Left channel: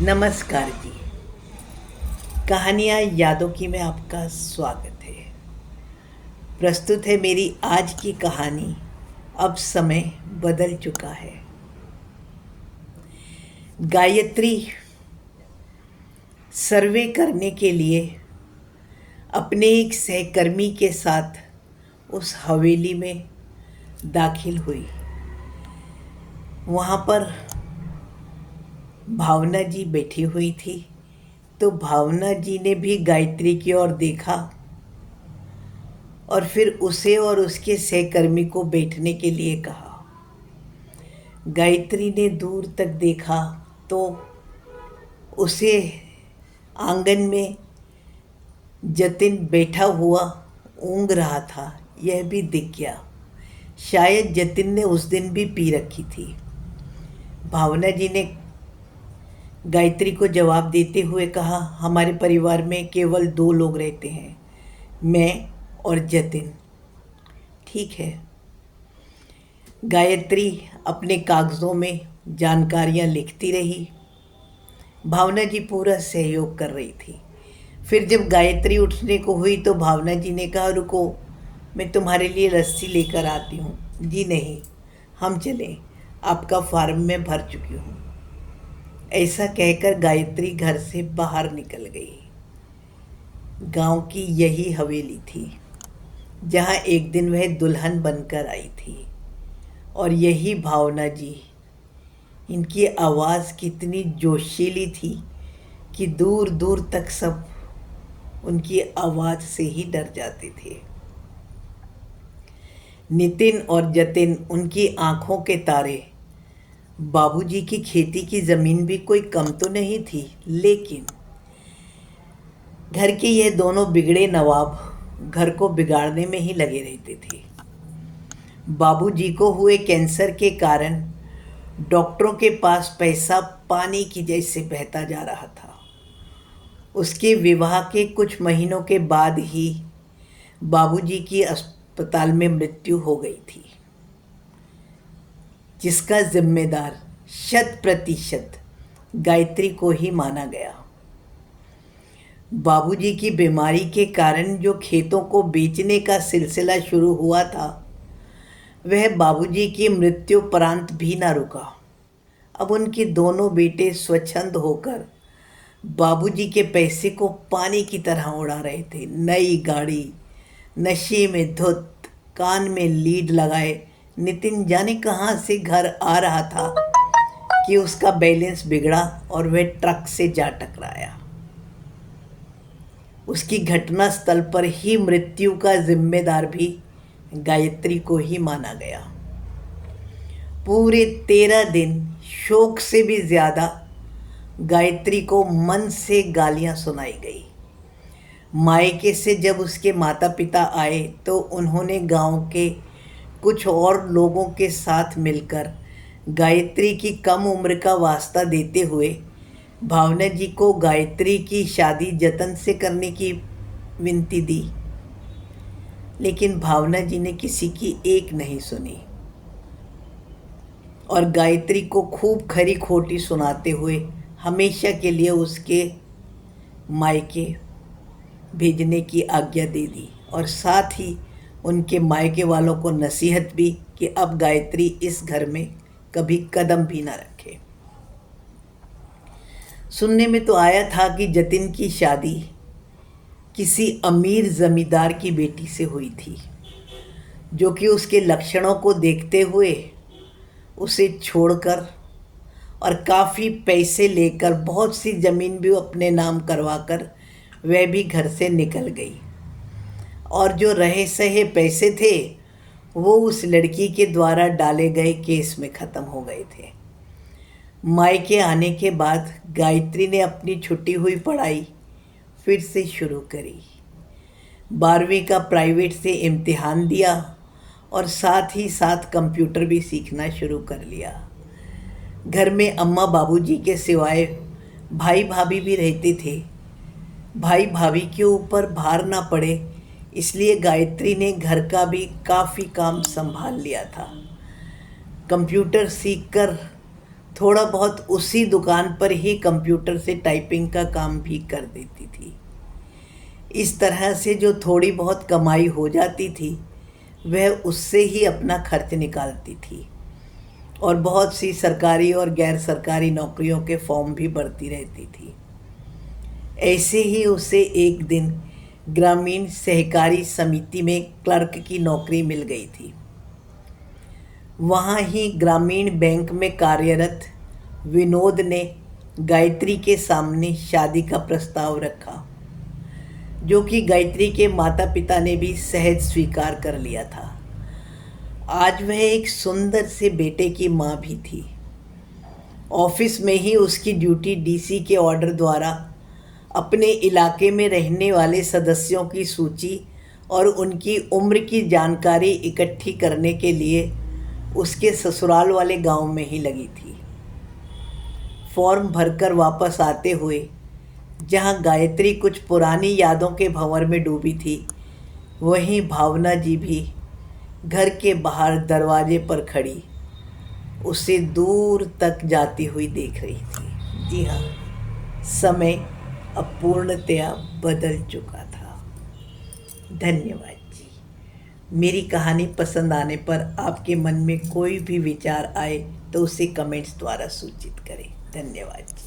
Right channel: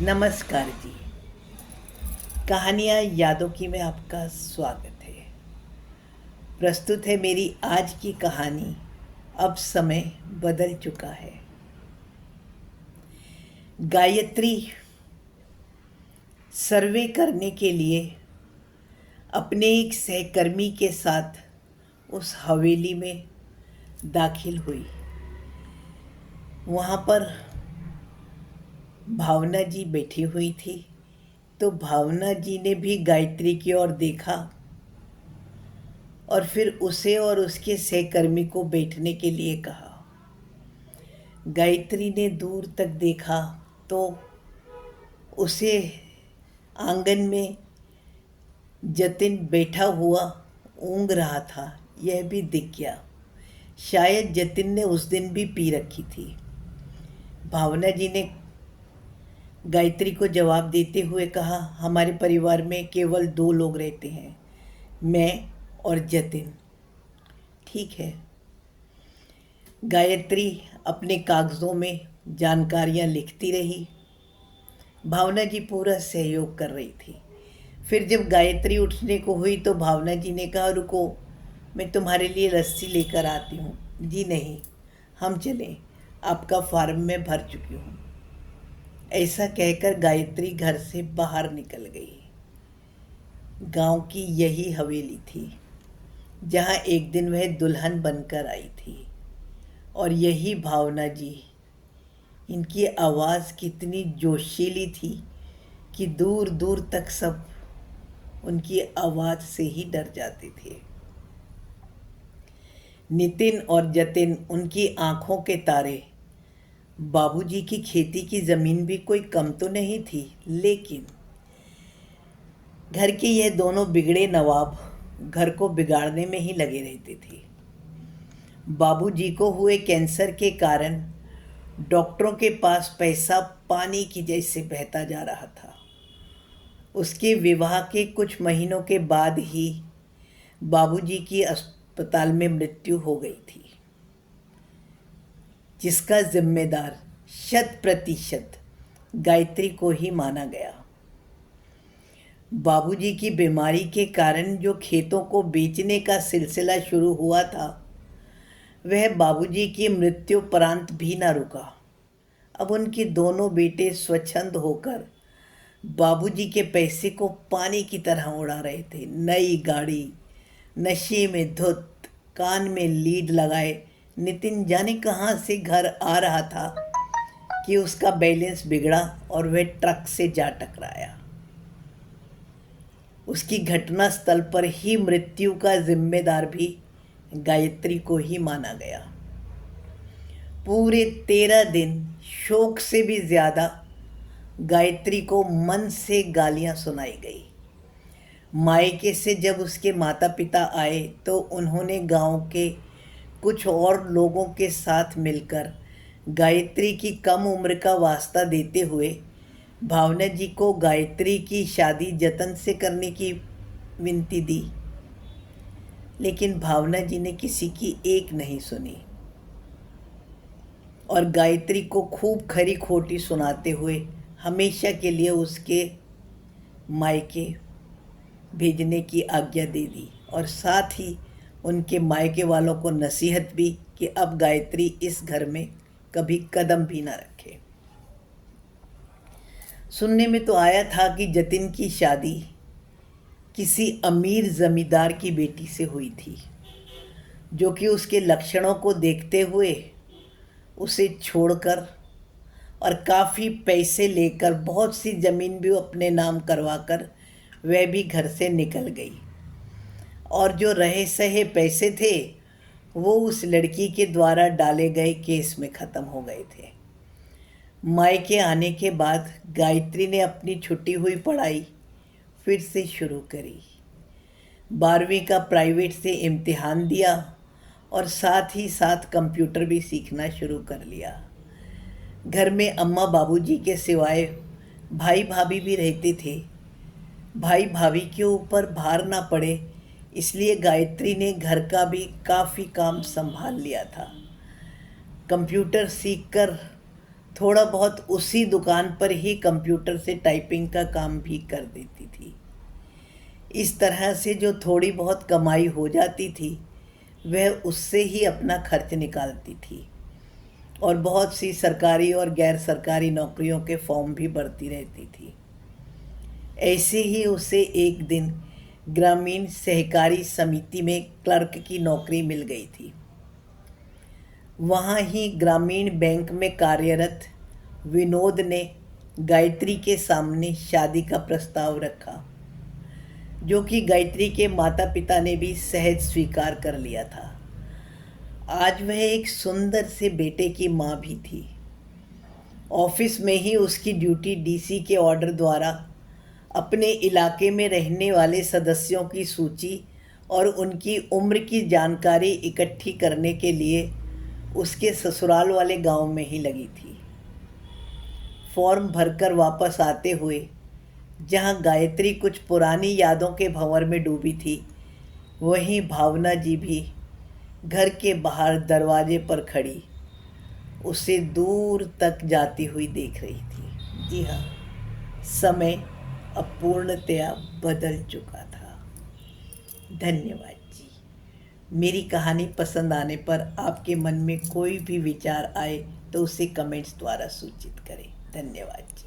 नमस्कार जी। कहानियाँ यादों की में आपका स्वागत है। प्रस्तुत है मेरी आज की कहानी। अब समय बदल चुका है। गायत्री सर्वे करने के लिए अपने एक सहकर्मी के साथ उस हवेली में दाखिल हुई। वहाँ पर भावना जी बैठी हुई थी, तो भावना जी ने भी गायत्री की ओर देखा और फिर उसे और उसके सहकर्मी को बैठने के लिए कहा। गायत्री ने दूर तक देखा तो उसे आंगन में जतिन बैठा हुआ ऊँघ रहा था, यह भी दिख गया। शायद जतिन ने उस दिन भी पी रखी थी। भावना जी ने गायत्री को जवाब देते हुए कहा, हमारे परिवार में केवल 2 लोग रहते हैं, मैं और जतिन। ठीक है। गायत्री अपने कागज़ों में जानकारियां लिखती रही। भावना जी पूरा सहयोग कर रही थी। फिर जब गायत्री उठने को हुई तो भावना जी ने कहा, रुको, मैं तुम्हारे लिए रस्सी लेकर आती हूँ। जी नहीं, हम चलें, आपका फार्म में भर चुकी हूँ। ऐसा कहकर गायत्री घर से बाहर निकल गई। गांव की यही हवेली थी जहाँ एक दिन वह दुल्हन बनकर आई थी। और यही भावना जी, इनकी आवाज़ कितनी जोशीली थी कि दूर दूर तक सब उनकी आवाज़ से ही डर जाते थे। नितिन और जतिन उनकी आंखों के तारे। बाबूजी की खेती की ज़मीन भी कोई कम तो नहीं थी, लेकिन घर के ये दोनों बिगड़े नवाब घर को बिगाड़ने में ही लगे रहते थे। बाबूजी को हुए कैंसर के कारण डॉक्टरों के पास पैसा पानी की जैसे बहता जा रहा था। उसके विवाह के कुछ महीनों के बाद ही बाबूजी की अस्पताल में मृत्यु हो गई थी, जिसका जिम्मेदार 100% गायत्री को ही माना गया। बाबूजी की बीमारी के कारण जो खेतों को बेचने का सिलसिला शुरू हुआ था, वह बाबूजी की मृत्युपरांत भी ना रुका। अब उनके दोनों बेटे स्वच्छंद होकर बाबूजी के पैसे को पानी की तरह उड़ा रहे थे। नई गाड़ी, नशे में धुत, कान में लीड लगाए नितिन जाने कहाँ से घर आ रहा था कि उसका बैलेंस बिगड़ा और वह ट्रक से जा टकराया। उसकी घटना स्थल पर ही मृत्यु का जिम्मेदार भी गायत्री को ही माना गया। पूरे 13 दिन शोक से भी ज्यादा गायत्री को मन से गालियां सुनाई गई। मायके से जब उसके माता पिता आए तो उन्होंने गांव के कुछ और लोगों के साथ मिलकर गायत्री की कम उम्र का वास्ता देते हुए भावना जी को गायत्री की शादी जतन से करने की विनती दी। लेकिन भावना जी ने किसी की एक नहीं सुनी और गायत्री को खूब खरी खोटी सुनाते हुए हमेशा के लिए उसके मायके भेजने की आज्ञा दे दी और साथ ही उनके मायके वालों को नसीहत भी कि अब गायत्री इस घर में कभी कदम भी ना रखे। सुनने में तो आया था कि जतिन की शादी किसी अमीर जमींदार की बेटी से हुई थी, जो कि उसके लक्षणों को देखते हुए उसे छोड़कर और काफ़ी पैसे लेकर बहुत सी ज़मीन भी अपने नाम करवाकर वह भी घर से निकल गई। और जो रहे सहे पैसे थे वो उस लड़की के द्वारा डाले गए केस में ख़त्म हो गए थे। मायके आने के बाद गायत्री ने अपनी छुट्टी हुई पढ़ाई फिर से शुरू करी। 12वीं का प्राइवेट से इम्तिहान दिया और साथ ही साथ कंप्यूटर भी सीखना शुरू कर लिया। घर में अम्मा बाबूजी के सिवाय भाई भाभी भी रहते थे। भाई भाभी के ऊपर भार ना पड़े इसलिए गायत्री ने घर का भी काफ़ी काम संभाल लिया था। कंप्यूटर सीखकर थोड़ा बहुत उसी दुकान पर ही कंप्यूटर से टाइपिंग का काम भी कर देती थी। इस तरह से जो थोड़ी बहुत कमाई हो जाती थी वह उससे ही अपना खर्च निकालती थी और बहुत सी सरकारी और गैर सरकारी नौकरियों के फॉर्म भी भरती रहती थी। ऐसे ही उसे एक दिन ग्रामीण सहकारी समिति में क्लर्क की नौकरी मिल गई थी। वहाँ ही ग्रामीण बैंक में कार्यरत विनोद ने गायत्री के सामने शादी का प्रस्ताव रखा, जो कि गायत्री के माता पिता ने भी सहज स्वीकार कर लिया था। आज वह एक सुंदर से बेटे की माँ भी थी। ऑफिस में ही उसकी ड्यूटी डीसी के ऑर्डर द्वारा अपने इलाके में रहने वाले सदस्यों की सूची और उनकी उम्र की जानकारी इकट्ठी करने के लिए उसके ससुराल वाले गांव में ही लगी थी। फॉर्म भरकर वापस आते हुए जहां गायत्री कुछ पुरानी यादों के भंवर में डूबी थी, वहीं भावना जी भी घर के बाहर दरवाजे पर खड़ी उसे दूर तक जाती हुई देख रही थी। जी हाँ, समय अब पूर्णतया बदल चुका था। धन्यवाद जी। मेरी कहानी पसंद आने पर आपके मन में कोई भी विचार आए तो उसे कमेंट्स द्वारा सूचित करें। धन्यवाद जी।